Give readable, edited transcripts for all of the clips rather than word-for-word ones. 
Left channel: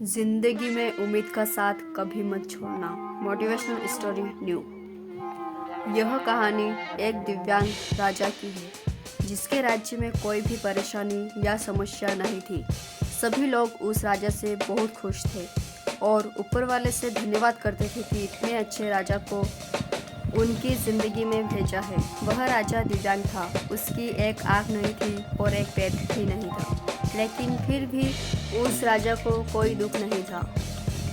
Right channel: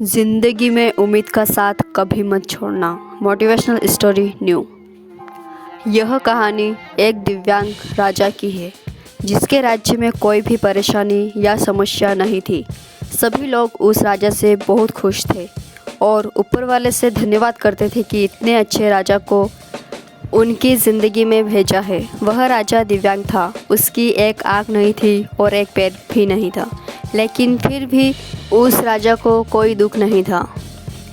जिंदगी में उम्मीद का साथ कभी मत छोड़ना। Motivational story new. यह कहानी एक दिव्यांग राजा की है जिसके राज्य में कोई भी परेशानी या समस्या नहीं थी। सभी लोग उस राजा से बहुत खुश थे और ऊपर वाले से धन्यवाद करते थे कि इतने अच्छे राजा को उनकी ज़िंदगी में भेजा है। वह राजा दिव्यांग था, उसकी एक आँख नहीं थी और एक पैर भी नहीं था, लेकिन फिर भी उस राजा को कोई दुख नहीं था।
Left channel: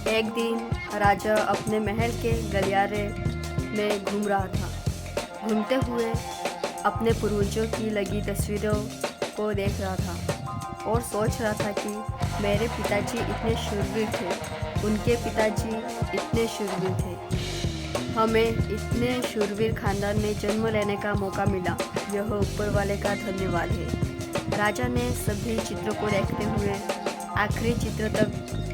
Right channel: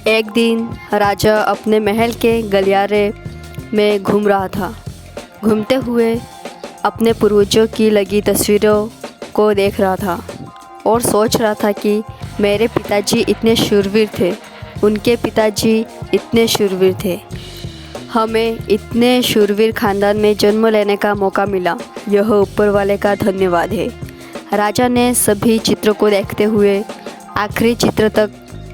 एक दिन राजा अपने महल के गलियारे में घूम रहा था। घूमते हुए अपने पूर्वजों की लगी तस्वीरों को देख रहा था और सोच रहा था कि मेरे पिताजी इतने शूरवीर थे, उनके पिताजी इतने शूरवीर थे, हमें इतने शूरवीर खानदान में जन्म लेने का मौका मिला, यह ऊपर वाले का धन्यवाद है। राजा ने सभी चित्रों को देखते हुए आखिरी चित्र तक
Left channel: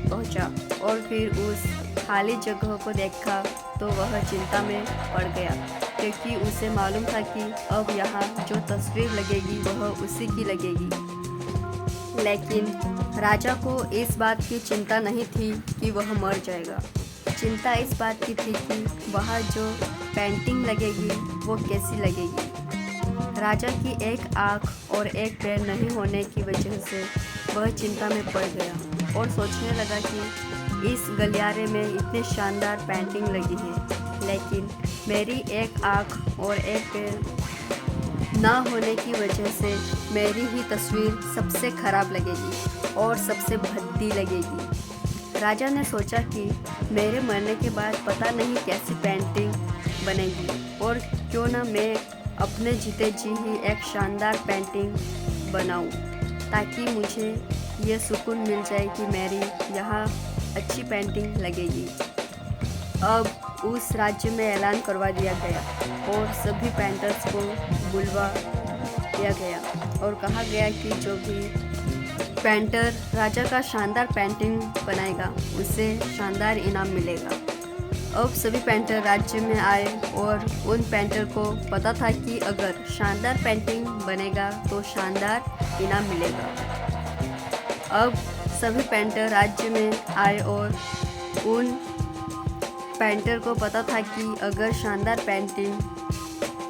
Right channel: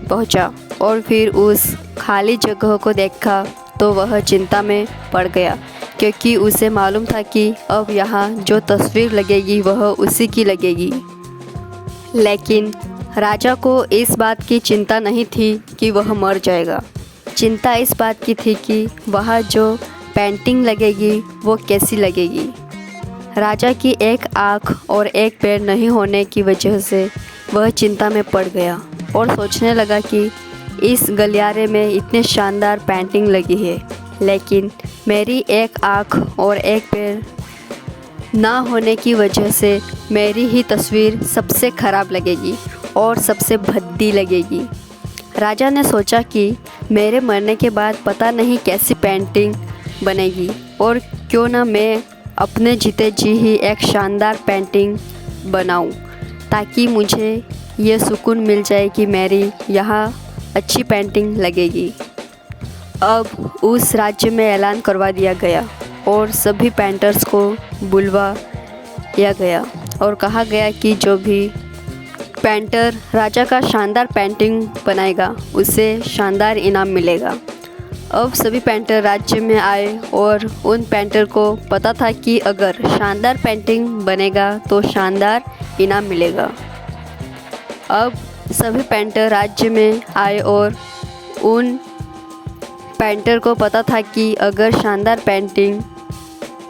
पहुंचा और फिर उस खाली जगह को देखा तो वह चिंता में पड़ गया, क्योंकि उसे मालूम था कि अब यहाँ जो तस्वीर लगेगी वह उसी की लगेगी। लेकिन राजा को इस बात की चिंता नहीं थी कि वह मर जाएगा। चिंता इस बात की थी कि वहाँ जो पेंटिंग लगेगी वो कैसी लगेगी। राजा की एक आँख और एक पैर नहीं होने की वजह से वह चिंता में पड़ गया और सोचने लगा कि इस गलियारे में इतने शानदार पेंटिंग लगी है, लेकिन मेरी एक आँख और एक पैर ना होने की वजह से मेरी ही तस्वीर सबसे ख़राब लगेगी और सबसे भद्दी लगेगी। राजा ने सोचा कि मेरे मरने के बाद पता नहीं कैसी पेंटिंग बनेगी, और क्यों ना मैं अपने जीते जी ही एक शानदार पेंटिंग बनाऊं, ताकि मुझे ये सुकून मिल जाए कि मेरी यहाँ अच्छी पेंटिंग लगेगी। अब उस राज्य में ऐलान करवा दिया गया और सभी पेंटर्स को बुलवा दिया गया और कहा गया कि जो भी पेंटर राजा का शानदार पेंटिंग बनाएगा उसे शानदार इनाम मिलेगा। अब सभी पेंटर राज्य में आए और उन पेंटर को पता था कि अगर शानदार पेंटिंग बनेगा तो शानदार इनाम मिलेगा। अब सभी पेंटर राज्य में आए और उन पेंटर को पता था कि अगर शानदार पेंटिंग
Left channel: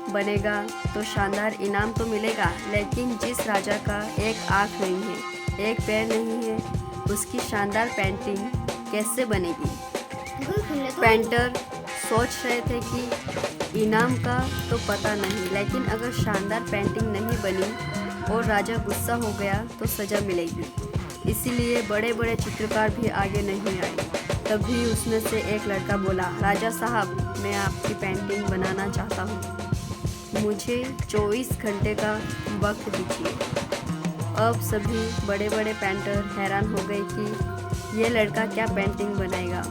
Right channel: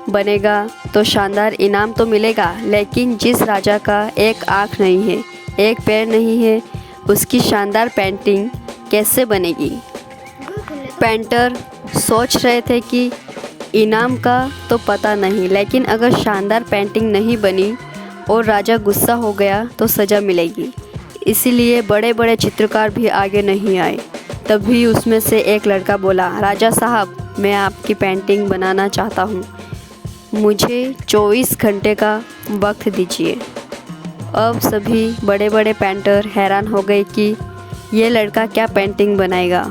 बनेगा तो शानदार इनाम तो मिलेगा, लेकिन जिस राजा का एक आँख नहीं है, एक पैर नहीं है, उसकी शानदार पेंटिंग कैसे बनेगी। पेंटर सोच रहे थे कि इनाम का तो पता नहीं, लेकिन अगर शानदार पेंटिंग नहीं बनी और राजा गुस्सा हो गया तो सज़ा मिलेगी। इसीलिए बड़े बड़े चित्रकार भी आगे नहीं आए। तभी उसमें से एक लड़का बोला, राजा साहब, मैं आपकी पेंटिंग बनाना चाहता हूँ, मुझे 24 घंटे का वक्त दीजिए। अब सभी बड़े बड़े पेंटर हैरान हो गए कि ये लड़का क्या पेंटिंग बनाएगा,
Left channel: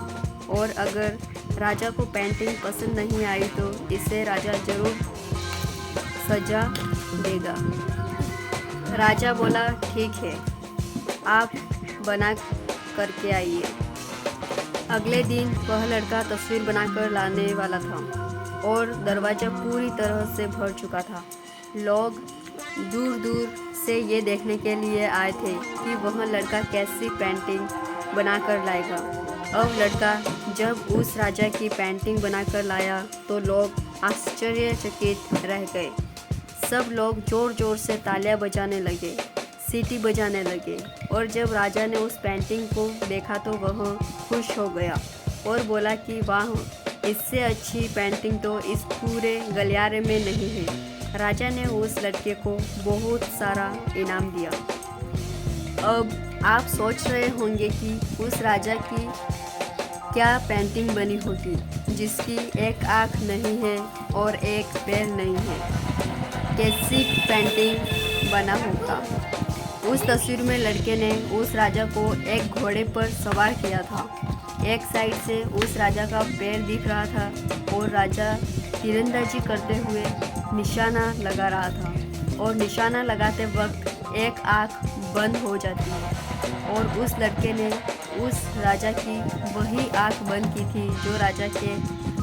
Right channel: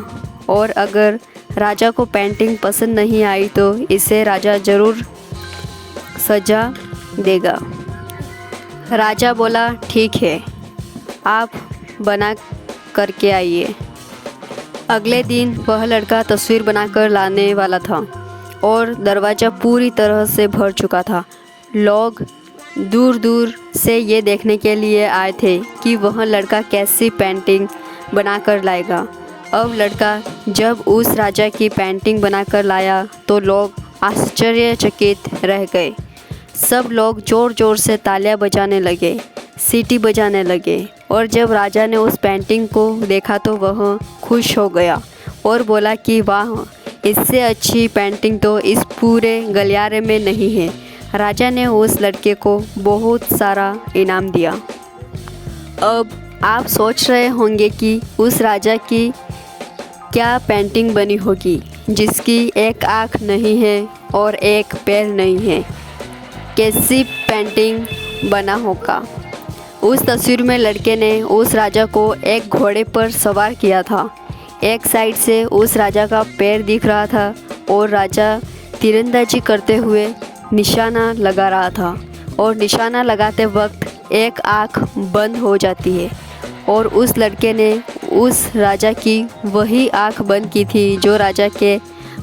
और अगर राजा को पेंटिंग पसंद नहीं आई तो इसे राजा ज़रूर सज़ा देगा। राजा बोला, ठीक है, आप बना करके आइए। अगले दिन वह लड़का तस्वीर बनाकर लाने वाला था और दरवाज़ा पूरी तरह से भर चुका था। लोग दूर दूर से ये देखने के लिए आए थे कि वह लड़का कैसी पेंटिंग बनाकर लाएगा। अब लड़का जब उस राजा की पेंटिंग बनाकर लाया तो लोग आश्चर्यचकित रह गए। सब लोग ज़ोर ज़ोर से तालियां बजाने लगे, सीटी बजाने लगे, और जब राजा ने उस पेंटिंग को देखा तो वह खुश हो गया और बोला कि वाह, इससे अच्छी पेंटिंग तो इस पूरे गलियारे में नहीं है। राजा ने उस लड़के को बहुत सारा इनाम दिया। अब आप सोच रहे होंगे कि उस राजा की क्या पेंटिंग बनी होगी जिसकी एक आँख नहीं है और एक पैर नहीं है, कैसी पेंटिंग बना होगा। उस तस्वीर में लड़के ने उस राजा को एक घोड़े पर सवार किया था। एक साइड से उस राजा का पैर दिख रहा था और राजा तीरंदाजी करते हुए निशाना लगा रहा था, और निशाना लगाते वक्त एक आँख बंद हो जाती है, और उस लड़के ने उस राजा की वही आँख बंद की थी जो राजा के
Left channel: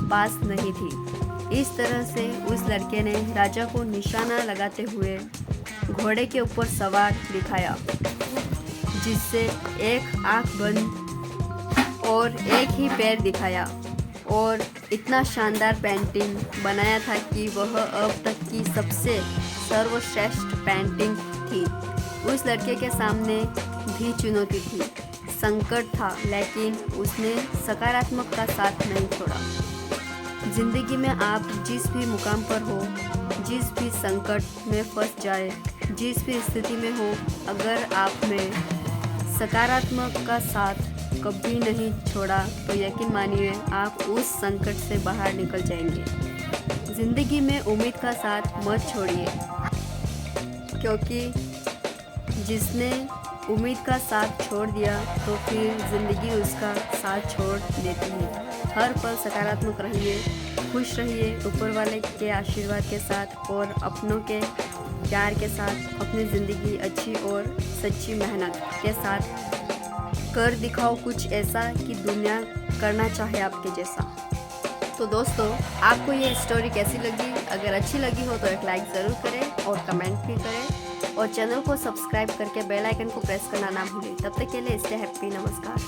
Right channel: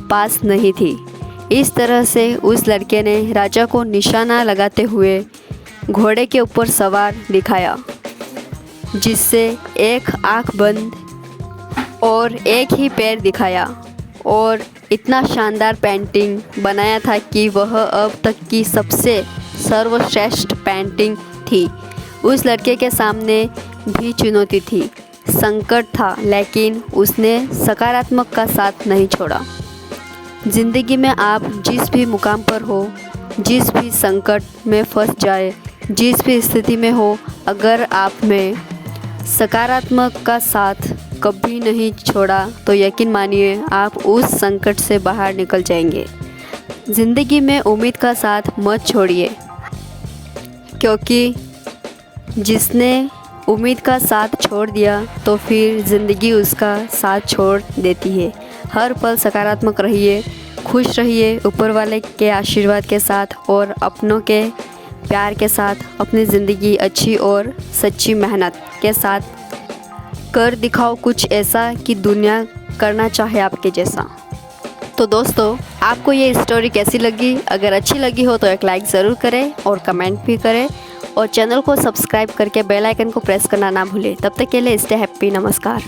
पास नहीं थी। इस तरह से उस लड़के ने राजा को निशाना लगाते हुए घोड़े के ऊपर सवार दिखाया, जिससे एक आँख बंद और एक ही पैर दिखाया और इतना शानदार पेंटिंग बनाया था कि वह अब तक की सबसे सर्वश्रेष्ठ पेंटिंग थी। उस लड़के के सामने भी चुनौती थी, संकट था, लेकिन उसने सकारात्मक का साथ नहीं छोड़ा। ज़िंदगी में आप जिस भी मुकाम पर हो, जिस भी संकट में फंस जाए, जिस भी स्थिति में हो, अगर आप में सकारात्मक का साथ कभी नहीं छोड़ा तो यकीन मानिए आप उस संकट से बाहर निकल जाएंगे। ज़िंदगी में उम्मीद का साथ मत छोड़िए, क्योंकि जिसने उम्मीद का साथ छोड़ दिया तो फिर ज़िंदगी उसका साथ छोड़ देती है। हर पल सकारात्मक रहिए, खुश रहिए, ऊपर वाले के आशीर्वाद के साथ और अपनों के प्यार के साथ अपनी ज़िंदगी अच्छी और सच्ची मेहनत के साथ कर दिखाओ कुछ ऐसा कि दुनिया करना चाहे आपके जैसा। तो दोस्तों, आपको ये स्टोरी कैसी लगी? अगर अच्छी लगी हो तो एक लाइक ज़रूर करें और कमेंट भी करें और चैनल को सब्सक्राइब करके बेल आइकन को प्रेस करना ना भूलें। तब तक के लिए स्टे हैप्पी। नमस्कार।